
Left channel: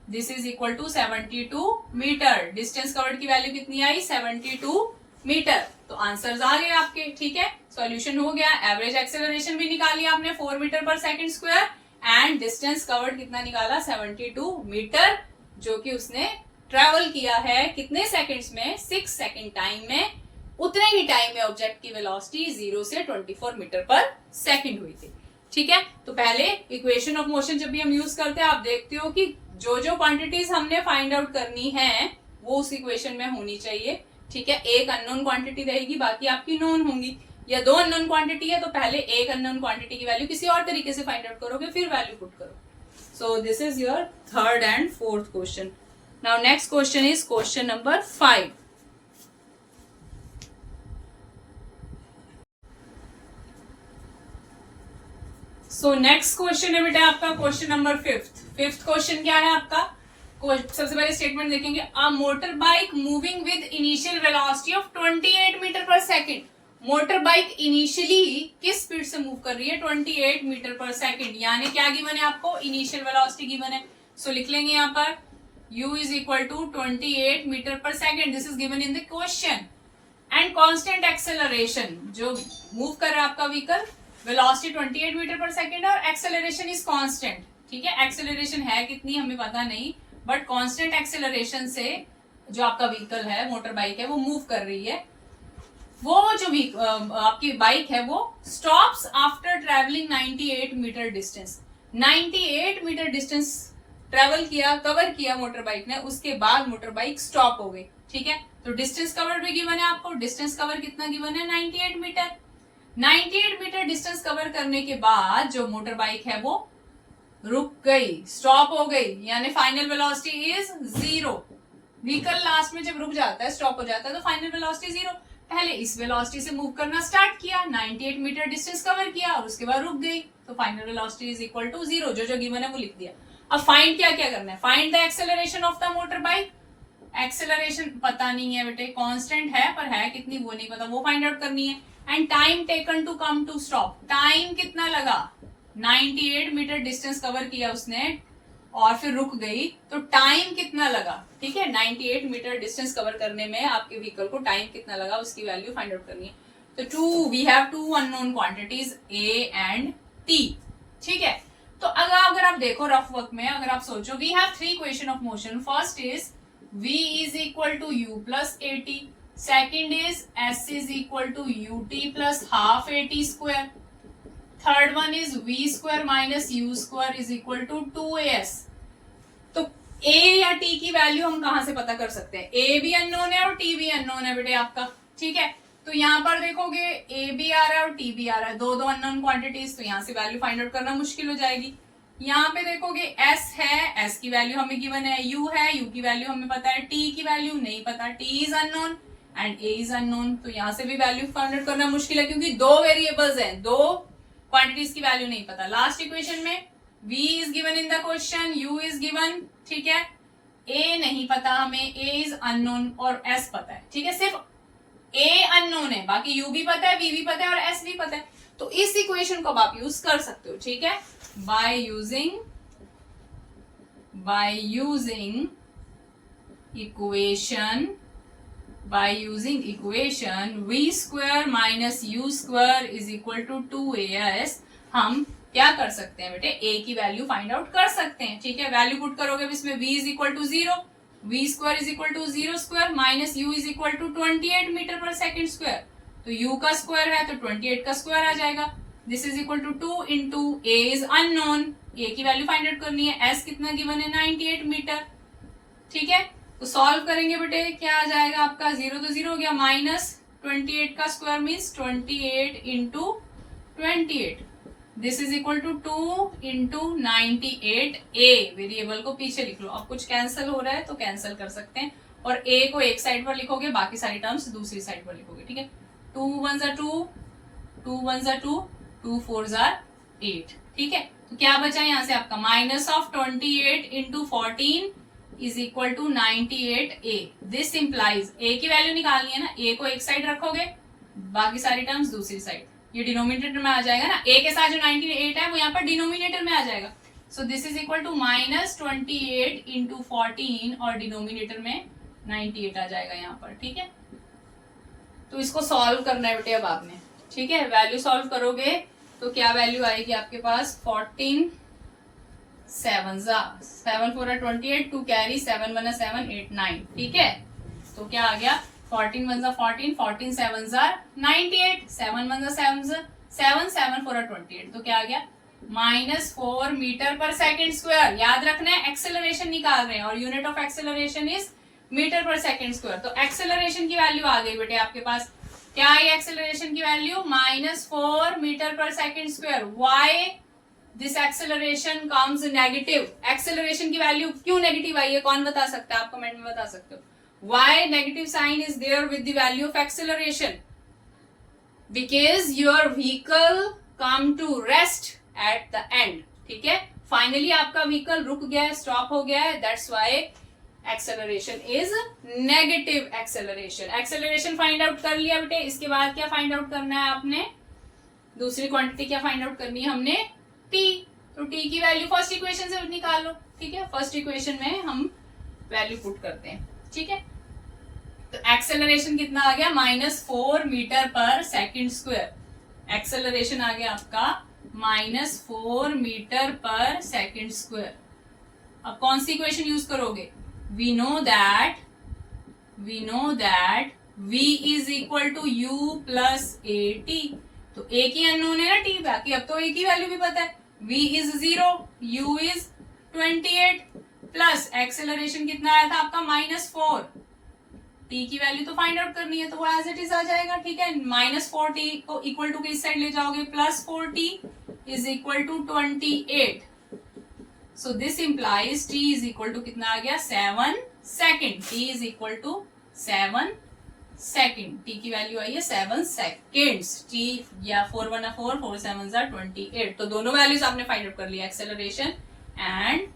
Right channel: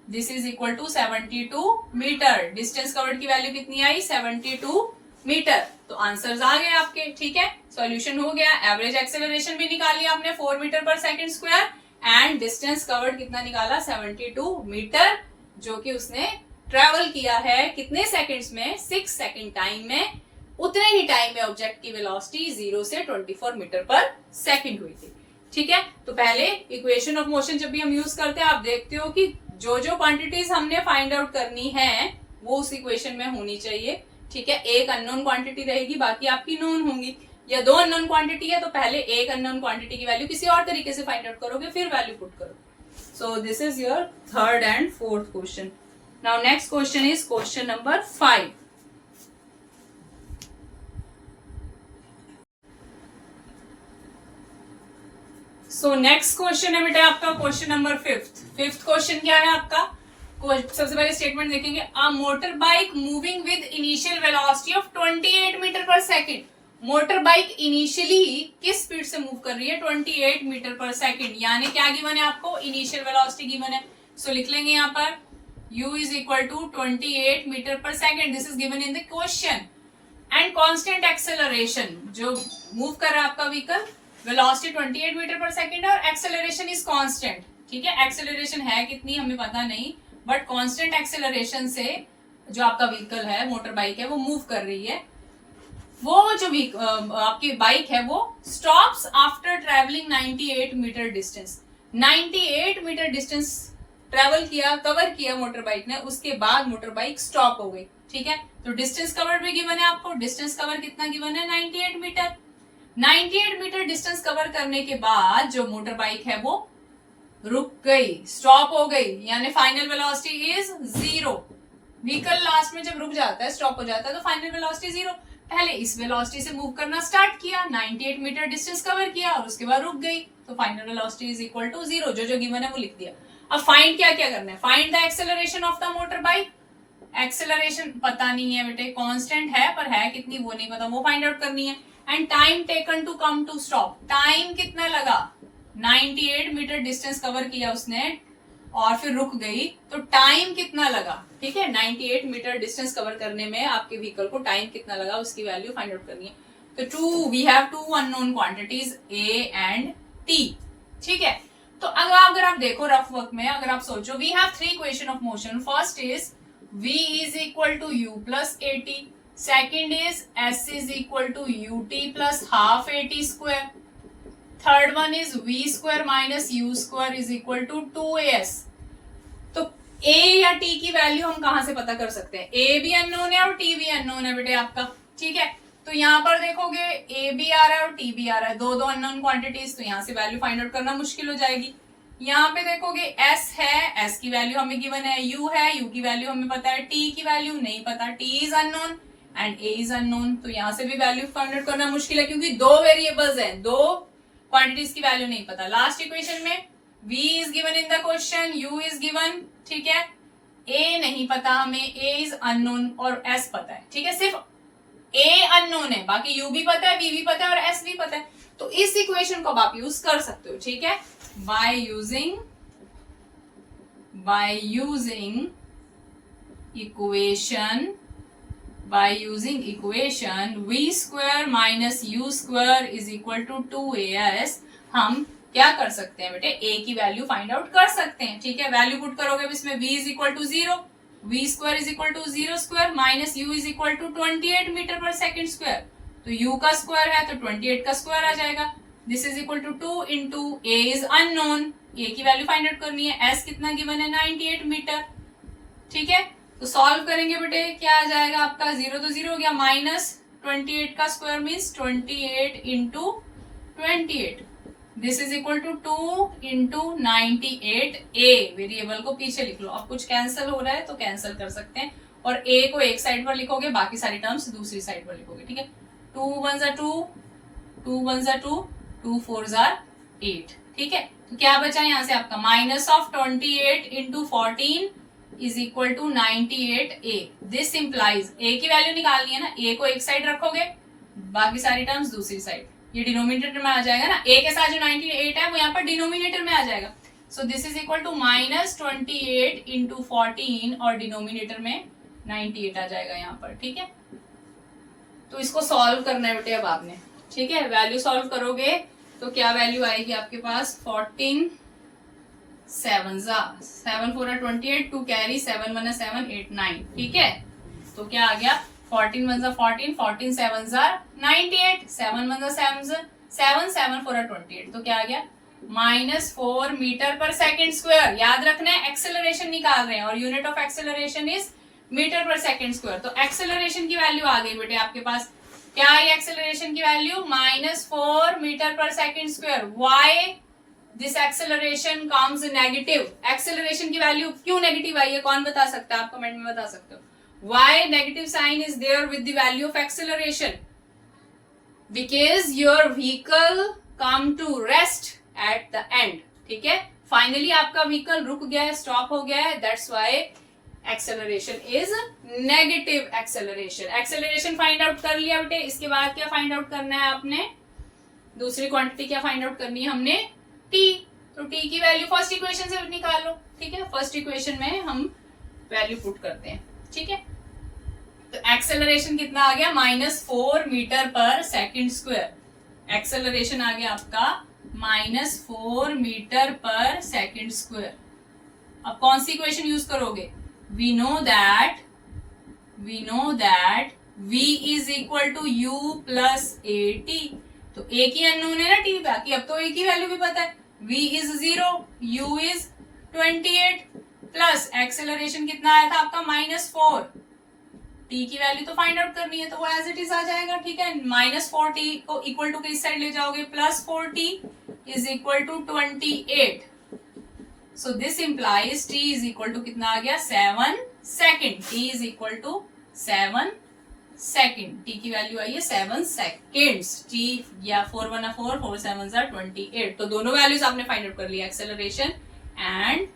This is equal to 72 metre. Distance covered की वैल्यू कितनी आई? 72 मीटर। तो आंसर्स आ गए आपके, ठीक है। सॉल्यूशन हो गया। एवरेज एक्सेलरेशन भी निकाली आपने 4 metre per second square and distance covered कितना निकाला? 72 मीटर, जो कि उसने ट्रेवल किया है कितने सेकंड्स में? 6 सेकंड टाइम में। उतने ही टाइम में ऑब्जेक्ट की वेलोसिटी 0 से 24 मीटर पर सेकंड हुई थी, ठीक है। तो पहले इक्वेशन ऑफ मोशन जब भी हम यूज करते हैं, आप देखते हो कि जो जो क्वांटिटीज हमने फाइंड आउट करनी है वो उस इक्वेशन में होनी चाहिए, ठीक है। एक अननोन क्वांटिटी रहेगी, बाकी आपकी नोन होंगी। या 2 अननोन क्वांटिटी है तो पहले एक अननोन क्वांटिटी की वैल्यू किसी और तरीके से फाइंड आउट करोगे, फिर वैल्यू पुट करो। सो this is your third and fourth question. Now next question is question number 5। So next question है बेटा आपका क्वेश्चन नंबर 5। फिफ्थ क्वेश्चन क्या है आपका? सबसे पहले स्टेटमेंट देखेंगे। A motor bike moving with initial velocity of 28 metre per second. Motor bike initially किस स्पीड से मूव कर रही है? 28 मीटर पर सेकंड। यानी क्या गिवन है आपको? इनिशियल वेलोसिटी गिवन है। सो लिख लेंगे यहाँ पर u is equal to 28 metre per second. This is given in the question. And constant acceleration, जो मूव कर रहा है आपका vehicle, velocity 28 metre per second और एक्सेलरेशन इज कांस्टेंट, ठीक है। एक्सेलरेशन है कितनी हमें पता नहीं, बट कांस्टेंट एक्सेलरेशन से जो आपका व्हीकल है, मोटर बाइक है, वो मूव कर रही है। वो जो आपकी बाइक है वो stops after travelling 98 metre distance. 98 metre distance travel किया, कवर किया मोटर बाइक ने, उसके बाद मोटर बाइक स्टॉप हो गई। ठीक है, तो डिस्टेंस कवर भी गिवन है आपको। डिस्टेंस कवर कितना गिवन है? 98 मीटर। 98 मीटर डिस्टेंस कवर करने के बाद जो मोटर बाइक है वो रुक गई, स्टॉप हो गई, यानी final velocity is 0। Vehicle last में जब रुक जाता है, स्टॉप हो जाता है, तो फाइनल वेलोसिटी 0। पहले इस वेलोसिटी से मूव करना स्टार्ट किया, 98 मीटर डिस्टेंस कवर किया और उसके बाद रुक गई, तो final velocity is equal to 0। जो गिवन है वो लिख दिया। अब फाइंड क्या क्या करना है? Find the acceleration of the motor bike. Acceleration पता नहीं है बेटे, कांस्टेंट है पर है कितनी वो नहीं पता, वो फाइंड आउट करनी है। And time taken to come to stop, time कितना लगा? 98 मीटर डिस्टेंस कवर किया उसने और फिर रुक गई, तो टाइम कितना लगा? ठीक है, 98 मीटर डिस्टेंस कवर करने में आपके व्हीकल को टाइम कितना लगा, उसकी वैल्यू फाइंड आउट करनी है। तो we have two unknown quantities A and T। ठीक है, तो अगर आप देखो रफ वर्क में, अगर आप सोचो, we have 3 equation of motion. First is V is equal to U plus AT, second is S is equal to UT plus half AT square, third one is V square minus U square is equal to 2AS। तो A या T की value हम कहां से पता कर सकते हैं? A भी अननोन है और T भी अननोन है बेटे आपका। ठीक है, तो यहाँ पर देखोगे A भी आ रहा है और T भी आ रहा है, दो अननोन क्वांटिटीज, तो यहाँ से वैल्यू फाइंड आउट करना मुश्किल हो जाएगी। यहाँ पे देखोगे S है, S की वैल्यू हमें गिवन है, U है, U की वैल्यू हमें पता है, T की वैल्यू नहीं पता, T is unknown and A is unknown, तो यहाँ से भी वैल्यू फाइंड आउट करना मुश्किल है क्योंकि दो वेरिएबल्स हैं, दो क्वांटिटीज की वैल्यू नहीं पता। लास्ट इक्वेशन में V is given in the question, U is given, ठीक है, A नहीं पता हमें, A इज अननोन और S पता है। ठीक है, सिर्फ A अननोन है, बाकी U भी पता है, V भी पता है और S भी पता है, तो इस इक्वेशन को आप यूज कर सकते हो। ठीक है, by using equation V square minus U square is equal to 2AS, हम क्या कर सकते हैं बेटे? A की वैल्यू फाइंड आउट कर सकते हैं। ठीक है, वैल्यू पुट करोगे इसमें V is equal to 0, V square is equal to 0 square minus U is equal to 28 metre per second square, तो U का स्क्वायर है तो 28 का स्क्वायर आ जाएगा। This is equal to 2 into A is unknown, A की value find out करनी है, S कितना गिवन है? 98 मीटर। ठीक है, तो सॉल्व करेंगे बेटे, क्या आ जाएगा आपका? 0 तो 0 हो गया, माइनस 28 का square means 28 into 28, this is equal to 2 into 98। A variable को पीछे लिख लो, अब कुछ कैंसिल हो रहा है तो कैंसिल कर सकते हैं, और A को एक साइड पर लिखोगे, बाकी सारी टर्म्स दूसरी साइड पर लिखोगे। ठीक है, 2 1 2, 2 1 2, 2 4 8। ठीक है, तो क्या बचा यहाँ से आपका? Minus of 28 into 14 is equal to 98A। This implies A की वैल्यू निकालनी है ना, A को एक साइड रखोगे, बाकी सारी टर्म्स दूसरी साइड, ये डिनोमिनेटर में आ जाएगा ना, A के साथ जो 98 है वो यहाँ पर डिनोमिनेटर में आ जाएगा। So this is equal to minus 28 into 14 और डिनोमिनेटर में 98 आ जाएगा यहाँ पर। ठीक है, तो इसको सॉल्व करना है बेटे अब आपने। ठीक है, वैल्यू सॉल्व करोगे तो क्या वैल्यू आएगी आपके पास? 14 7 7 4 28, 2 कैरी, 7 1 7 8 9। ठीक है, तो क्या आ गया? 14 1 14, 14 7 98, 7 1 7 7 7 4 28, तो क्या आ गया? -4 मीटर पर सेकेंड स्क्वायर। याद रखना है एक्सेलरेशन निकाल रहे हैं और unit of acceleration is metre per second square, तो एक्सेलरेशन की वैल्यू आ गई बेटे आपके पास। क्या है एक्सेलरेशन की value? -4 metre per second square. Why this acceleration comes negative? Acceleration की वैल्यू क्यों नेगेटिव आई है, कौन बता सकता है? आप कमेंट में बता सकते हो। Why negative sign is there with the value of acceleration? Because your vehicle come to rest at the end. ठीक है, फाइनली आपका व्हीकल रुक गया है, स्टॉप हो गया है, that's why acceleration is negative acceleration. Acceleration find out कर लिया बेटे, इसके बाद क्या फाइंड आउट करना है आपने? दूसरी क्वांटिटी क्या फाइंड आउट करनी है हमने? T। तो T की वैल्यू फर्स्ट इक्वेशन से निकाल लो। ठीक है, फर्स्ट इक्वेशन में हम वैल्यू पुट करते हैं। ठीक है, तो एक्सेलरेशन कितना आ गया? -4 metre per second square. Acceleration आ गया आपका -4 मीटर पर सेकेंड स्क्वायर। अब कौन सी इक्वेशन यूज करोगे? We know that v is equal to u plus a t. तो एक ही अननोन है ना t, बाकी अब तो एक ही वैल्यू भी पता है। v is 0, u is 28 plus acceleration कितना आया था आपका -4। t की वैल्यू तो फाइंड आउट करनी है, तो वो एज इट इज आ जाएगा। ठीक है, -4t को इक्वल टू किस साइड ले जाओगे? +4t is equal to 28। So this implies t is equal to कितना आ गया? 7 second. t is equal to 7 second. t की वैल्यू आई है 7 सेकेंड्स। t या 4 1 4, 4 7 28। तो दोनों वैल्यूज आपने फाइंड आउट कर लिया, एक्सेलरेशन एंड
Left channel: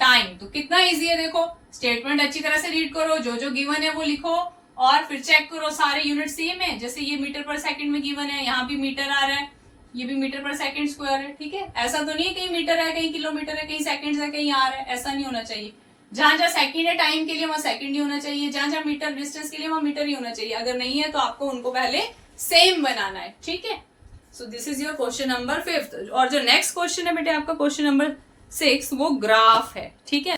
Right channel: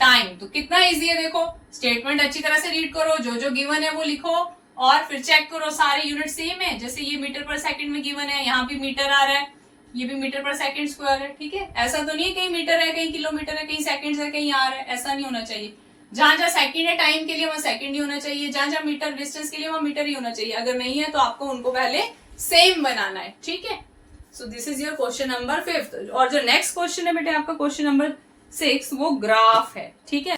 टाइम। तो कितना इजी है देखो। स्टेटमेंट अच्छी तरह से रीड करो, जो जो गिवन है वो लिखो और फिर चेक करो सारे यूनिट सेम है। जैसे ये मीटर पर सेकंड में गिवन है, यहाँ भी मीटर आ रहा है, ये भी मीटर पर सेकंड स्क्वायर है। ठीक है, ऐसा तो नहीं है कहीं मीटर है, कहीं किलोमीटर है, कहीं सेकंड्स है, कहीं आर है, ऐसा नहीं होना चाहिए। जहां जहां सेकंड है टाइम के लिए वहां सेकंड ही होना चाहिए, जहां जहां मीटर डिस्टेंस के लिए वहां मीटर ही होना चाहिए। अगर नहीं है तो आपको उनको पहले सेम बनाना है। ठीक है, सो this is your question number 5। और जो नेक्स्ट क्वेश्चन है बेटे आपका क्वेश्चन नंबर 6, वो ग्राफ है। ठीक है।